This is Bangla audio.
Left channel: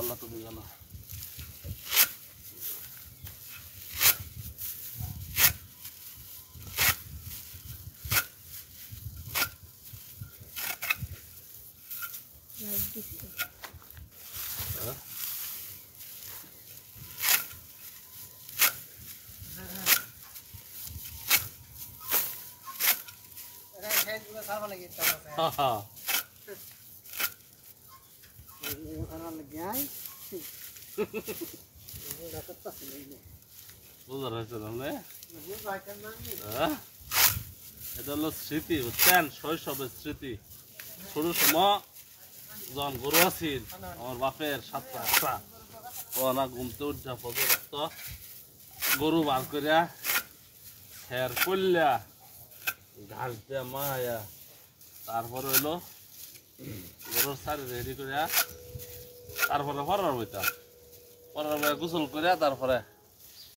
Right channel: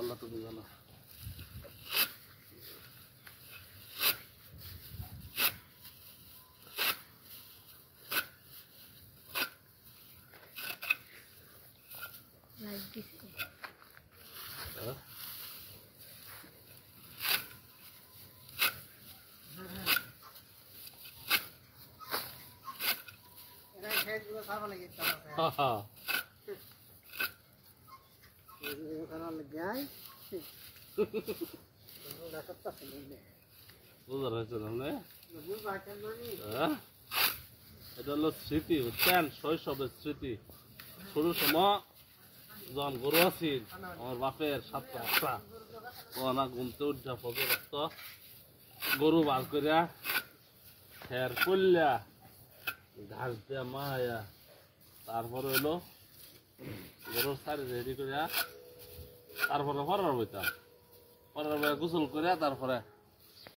আল্লাহ তুমি জানো। এটা হলো স্মৃতি, বুঝছেন? শৈশবের স্মৃতি। ছোট সময় যখন গরু আছিল আমার বাপের 7টা 8টা ওনা ঘুমতে উঠা পর্যন্ত গরু বার করিয়া ফের করলা ঘাস দিয়া মায়া, তারপরে হইলো গরুর সারি রেডি করিয়া তারপরে পরার বইতাম, পরার বইয়া গোসল করিয়া তারপরে